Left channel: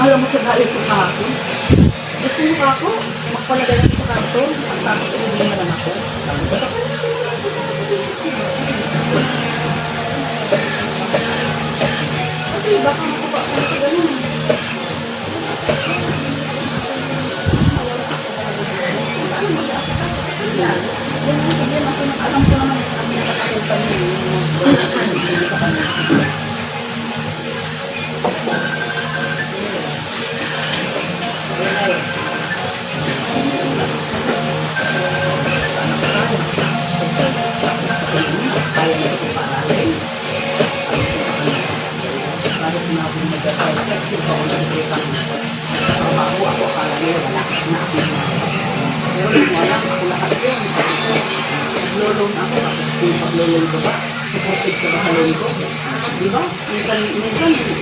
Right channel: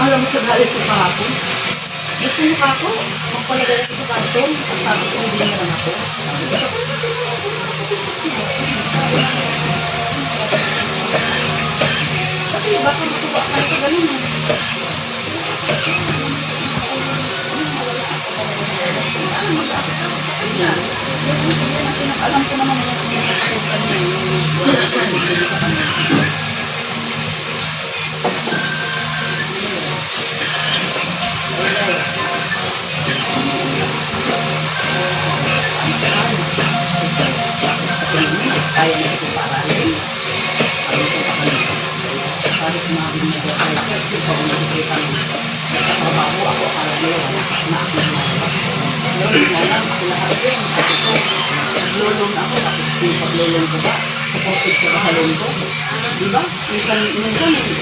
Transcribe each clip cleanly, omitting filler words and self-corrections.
Alam mo sa galit ko kahapon. Gusto mo ka ako, magpalagay ako sa kanton, at tapos uwi na lang ako. Kasi baka matuwa ka sa ganun. Alam mo, mag-aasa ka sa kanya. Alam ko naman yung nakakasukan niya. Kaya na ito paralin. Ang ito sa kanila. Parang sinabi mo na tayo. Kasi ikaw na ito kang trabaho ako para ngayon. Wala ka na ako na. Pero wala ako lahat yun. Naglulong ako. Kung paglulong ko ba? Supported ko ba sa loan ko? Diba? Minsan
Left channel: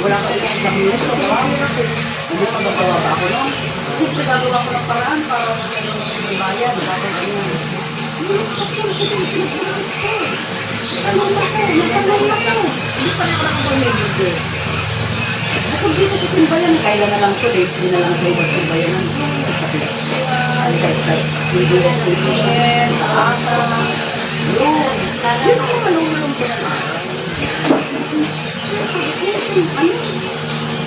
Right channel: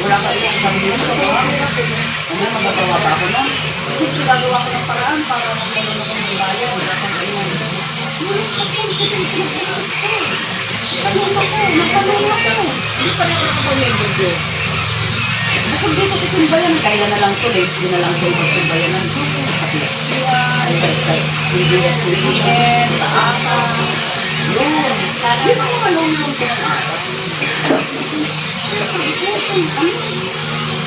wala ka rin sa pamilya ko. Ano magagawa ba ako no? Siyempre gagawa ko ng paraan para magbayan. Wala kang ganyan. Tanong ako. Hindi pa lang ako may video. Bukod dito sa simbayan, kailan na lang ito, hindi na lang ito ibang simbayanan. Ay, sa CBS, sa ASA, loan. Yun ang mga loan ko na araw.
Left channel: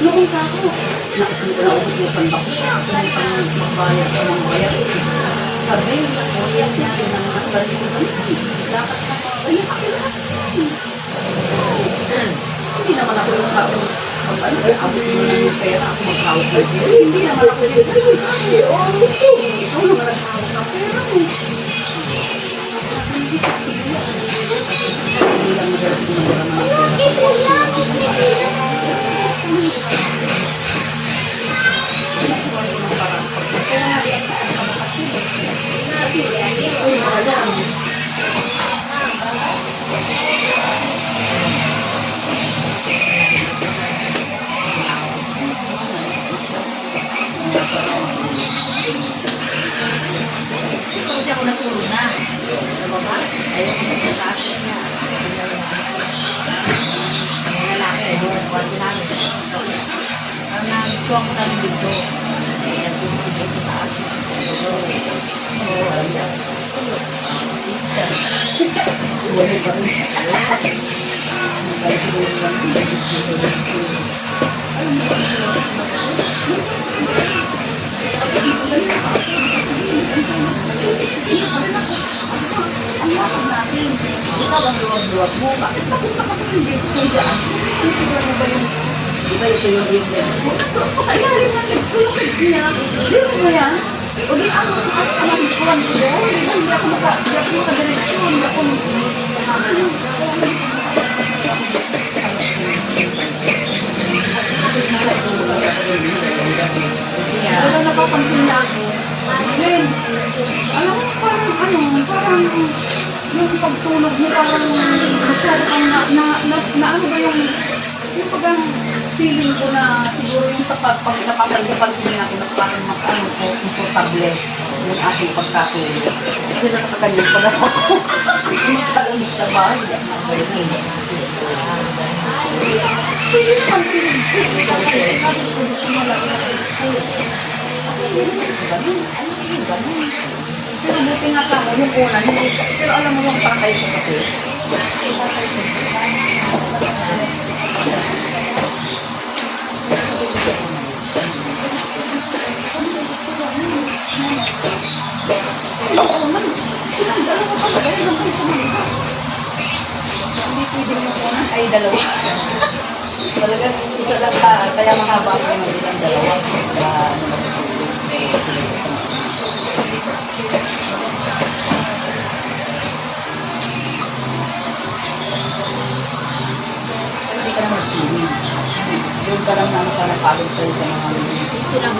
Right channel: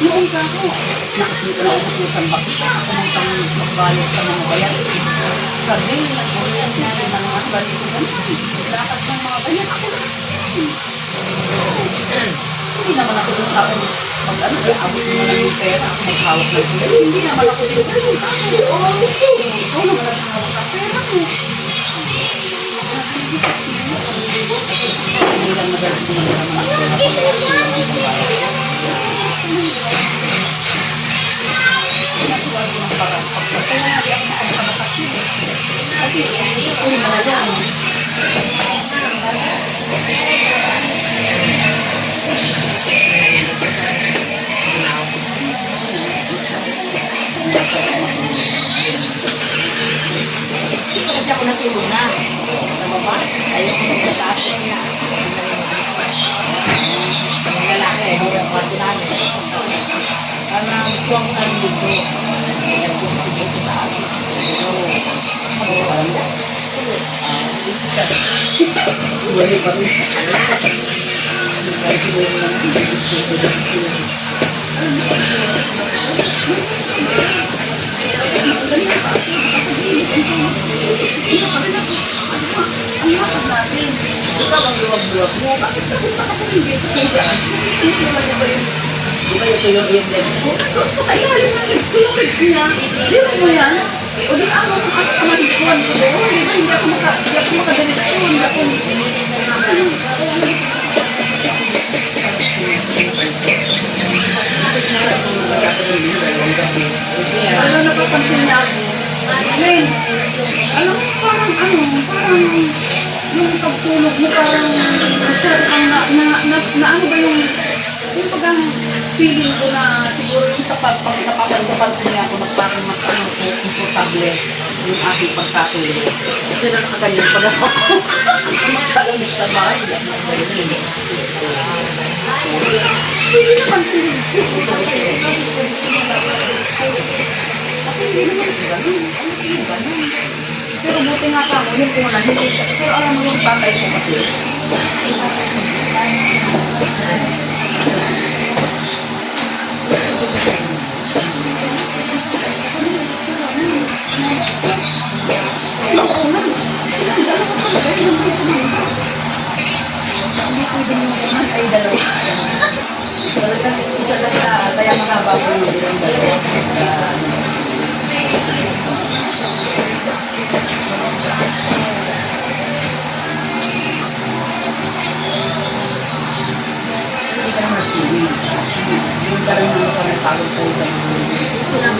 Noong ka ako, nakakita na ako sa bakit akong magbayad sa mga bayarin. Sabi, nag-orient natin ng mga balik ko ganun. Dapat ng mga ganyan, ako lahat yun. Hindi naman ako yung kapag pag-ano, abot mo na yung pera, ako maghawak na yun. Hindi naman ako yung ganun. Ikaw naman naghawak ng pera mo. Hindi lang madalas ko naman ng pera. Kasi ako natulog na. Nababa? Ayaw ko sa taas niya. Mga lalaki, hirap ko natin namin. Karena gusto ako na rin dito. Kaya kung sige ko taas. Ano sa alam niya? Iwali pa rin. Kaya siguro lang. Ang lakad natin. Ikaw ang luwag-luwag mo. Bakit pa ako hindi? Hindi ba yung diba ito yung legs ko? Doon ko sa ilalim ng legs ko yung legs niya. Liro mo yan? O di ako kamarikuan ko doon. Diba hindi ako makadireksyon. Hindi ako pero napapansin niya ako. Len, alam mo parang yung pagtulog mo parang masyadong na ano ba yung pagang feeling ko na siguro yung sa napapansin niya ako na parang mas komportable yung aking pagkatulog. Kasi nakakaganyan pa daw ako. Magkalamig sa bahay. Pwede naman feeling ko. Kasi gusto mo lang. Ako hindi naman ganun. Ganun. Pero buti nga ka mo, yung una, hindi. Pero alam mo yung patay ko kasi. Ay, dalawa. Talagang isa lang kaya mahaba ko yung dalawa. Hindi ka naman nagsiwin. Yung ka lang naman sa napagod ko sa mga mga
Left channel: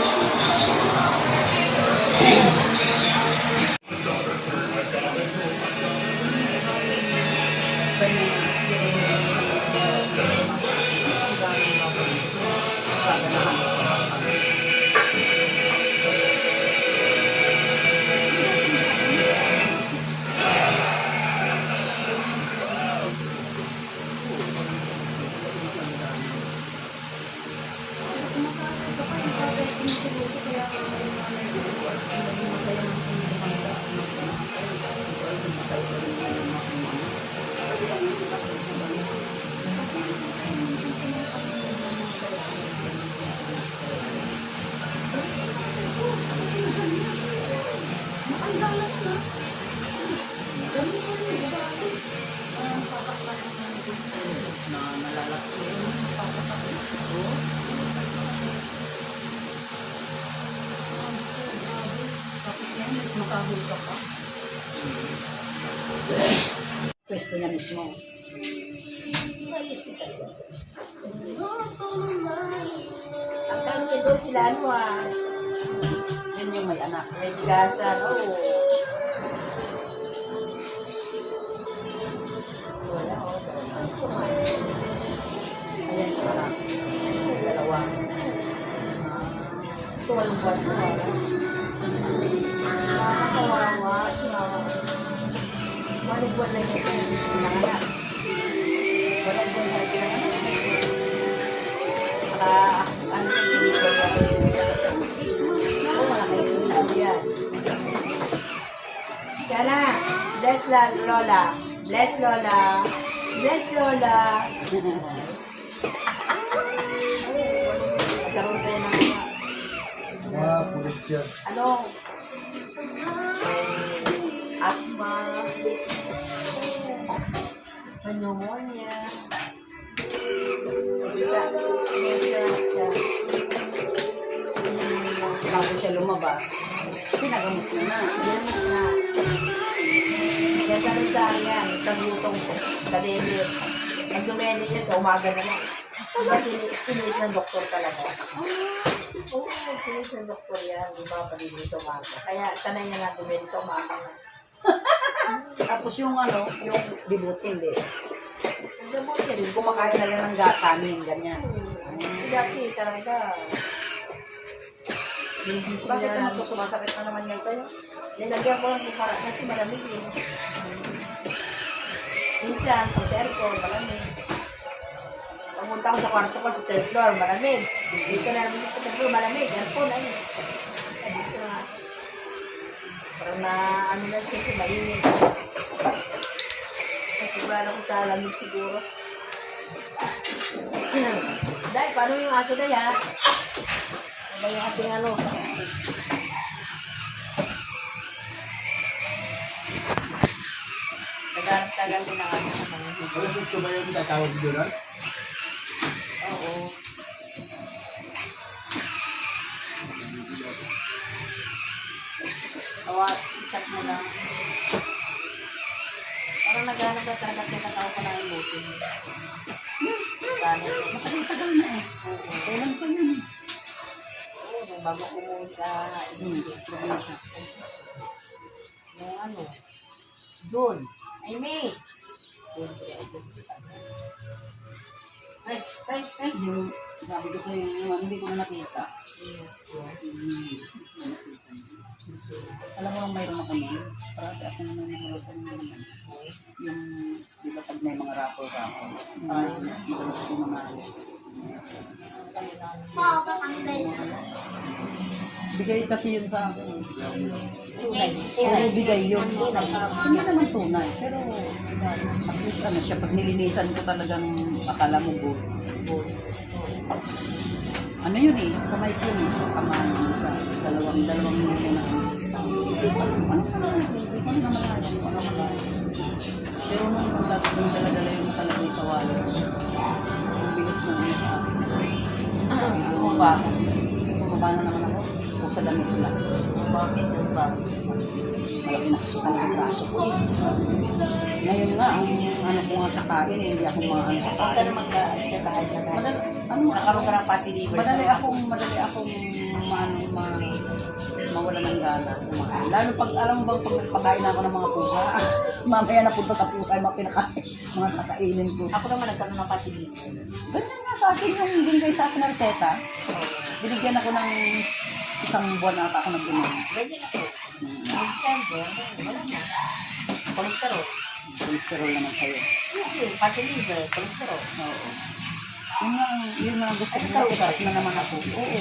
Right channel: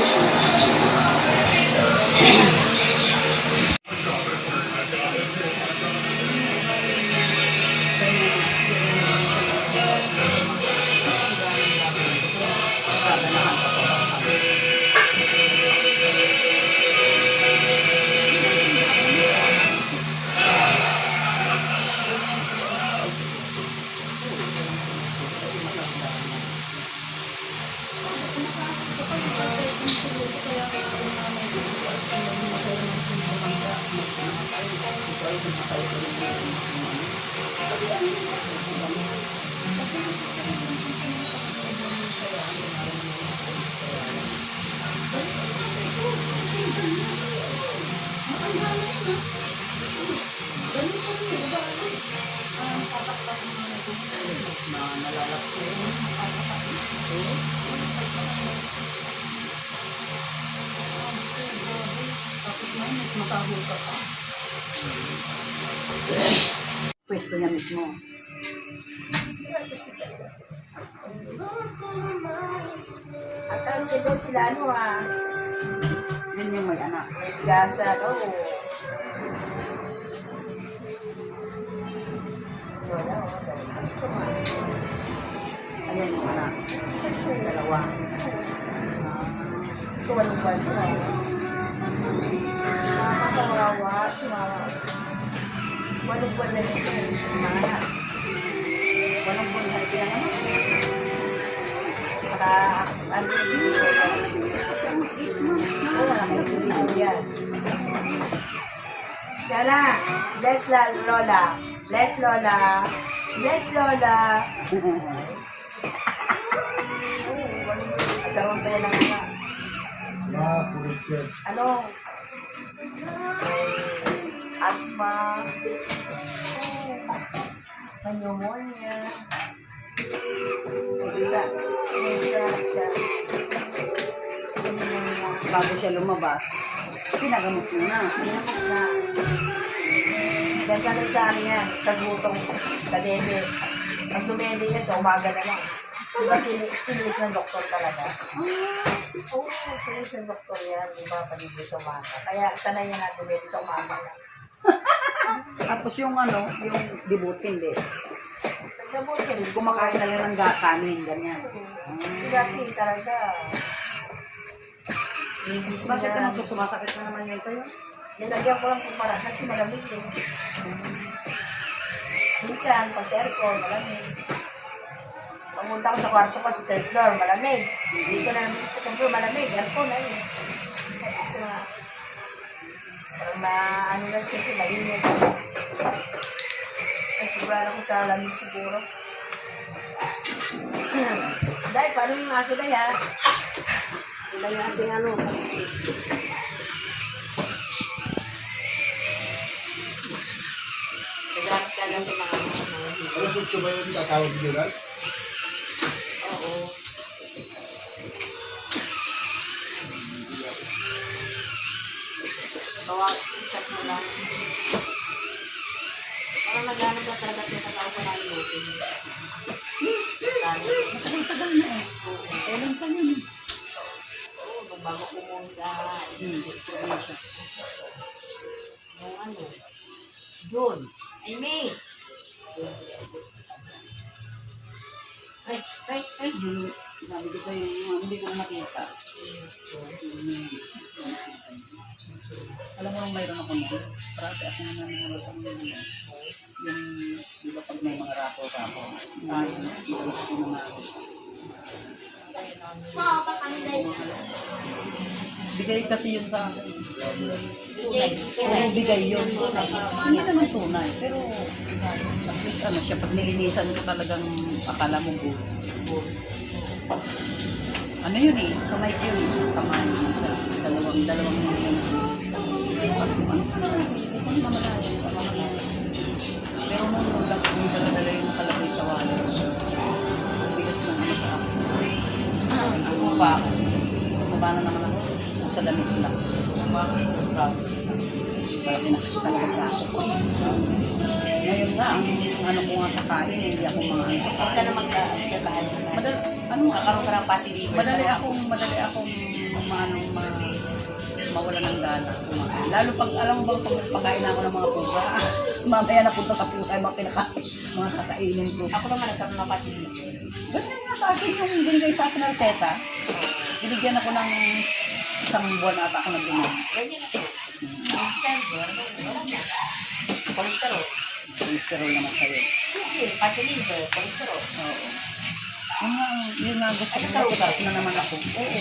Sahol ka pa. Pwesto niya mismo. Ang tawag ko doon sila ano Yun yung may anak. may bigasan, Wala, Ayan yung anak. Dalawa. Ito walang buwan ko. Nakakawawa si mama. Walang buwan na rin pinanganak. Walang buwan na rin pinanganak. Saka, ano dito, wala kayo pinanganak yan. Diana, bless Lola. Bless Lola. Bless Lola. Nagkaroon tayo ng Pulit siya. ano, asthma, pneumonia, isa, siya, Bago siya lumabas, pinagamot mo na. ginamot na, gasari-sari yan, sa gutong kadede, ang dumende niya sa umaga na lang. Diba, pinilis ng doktor talaga. Oo, pinilis ng doktor yan, di ba, panilis sa umaga. Kaya sanay niya na dumende sa umaga na. Tapos yung ano, yung dibuti, hindi. Nagdabot siya rin. Kumakain na lang ng kanin, ganyan. Dati talaga. Bakit naman ito sumasakit na naman yan sa'yo? Nilagyan ko lang para kasi malamig eh. Minsan, pag sa aircon, malamig. Pamunta ko sa kwarto ko sa third floor, malamig. Dito na naman sa third floor, malamig. Aircon, ayun. Dito na. Parang na, ano na siya, mainit. Kasi siguro ko sa lamig siguro. Dahil, paano yung aso na yan? Ilang yung ating ano? Nagharap ka lang yung mga hibig. Alas 8 ba yung tatawag nyo lang? Oo. Tawag, chat mo lang. Parang naghanap ka talaga at nakatawa pa na yung lutin. Sana. Matagal-tagal na eh. Oo. Kailan pa yun? Oo, nung bago kumuha sa Probinsya. nung ano, June. Ay, May. June, July, August. Ay. Yung sabi ko sa'yo, yung ano, hindi ko na nakita. Alam mo nung mayroon ako nun, parati ako na nananawasan yung yung, di ba pag may mga rapo-rapo, iwas ko naman. Bigay kasi yun sa akin. Puro bigay yun. Hindi naman tunay, pero at least ano siya, pag nilinisan ko talagang akala mo gold. Ano yun eh, kamay ko yun, isang kamay, isa, dalawang nilay na ano. Ano ka naman, hindi ko na malayan, ano ka na. Pero nung dala-dala yung nakalagay sa wallet, ang bilis ng ano sa akin. Ang bakit? Bumaba na naman ako, nasa damit lang. Bakit yung braso? Malaki na kasi talaga ang braso ko. Ngayon nga, ang ano ko nga sa kain, hindi ako maano sa Huwag ka kain. na magkakain na kain. Ano nga, Kakaroon ka ng fatty liver. madali akong mawala ng gana kumain. Lalo pag alam mo bang pag nagpakain ako ng mga pusa, mamaya napunta sa pusa yung mga kinakain, mga sakainin ko. Ako naman nagkaroon ng fatty liver. Ganyan nga sa akin yung binigay sa akin na reseta. Binigyan ako ng isang buwan ata ako nag-inom. Ganyan ako. Minsan, wala na. Cholesterol. Cholesterol naman sa'yo. Fatty liver, cholesterol. Oo. Yun nga gusto ko. Ano ka? Na naman ako. Oo.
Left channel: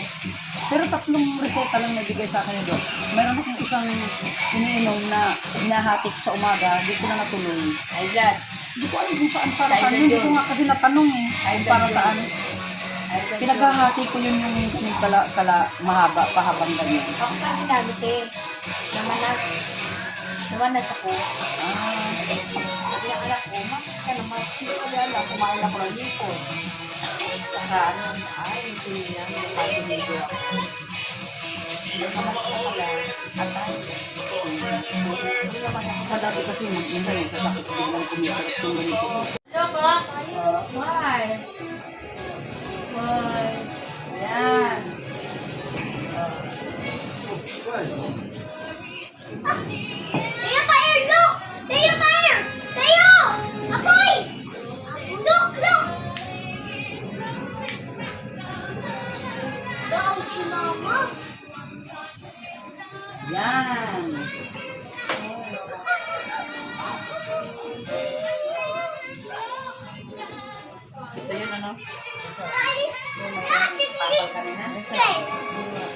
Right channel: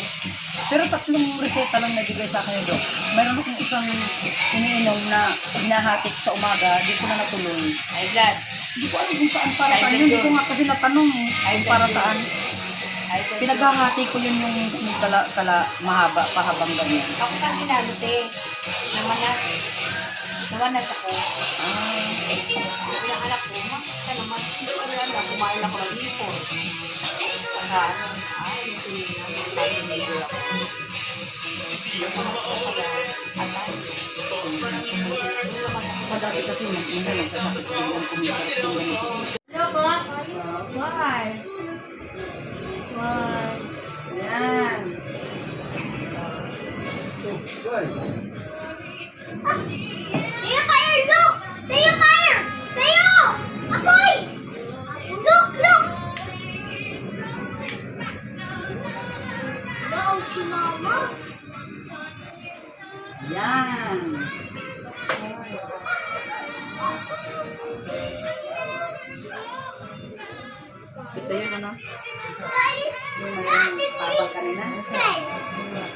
Pero tatlong reseta lang nabigay sa akin doon. Mayroon akong isang iniinom na hinahatik sa umaga, di ko na natuloy. High blood. Hindi ko alam kung saan para saan. Hindi ko nga kasi natanong eh. Kung para saan. Pinaghahati ko yun yung mahaba, pahabang ganyan. Ako pa ginamit eh. Namanas. Namanas ako. Sabi ng anak ko, ka naman. Hindi ko alam. Kumain ako ng hipon. Saka ano, yung tinignan, yung fatty liver ako. Yung mga kasala, atay. Sa dati kasi minsan nagsasakit biglang kumikarap yung ganito. Why? Why? Yan. Guys, Tayo, fire! Look! Tayo, fire! Tayo! Apoy! Look! Look! Ouch, mama! Yan. Ito yun ano? Yung mayroong papal kanina. Okay.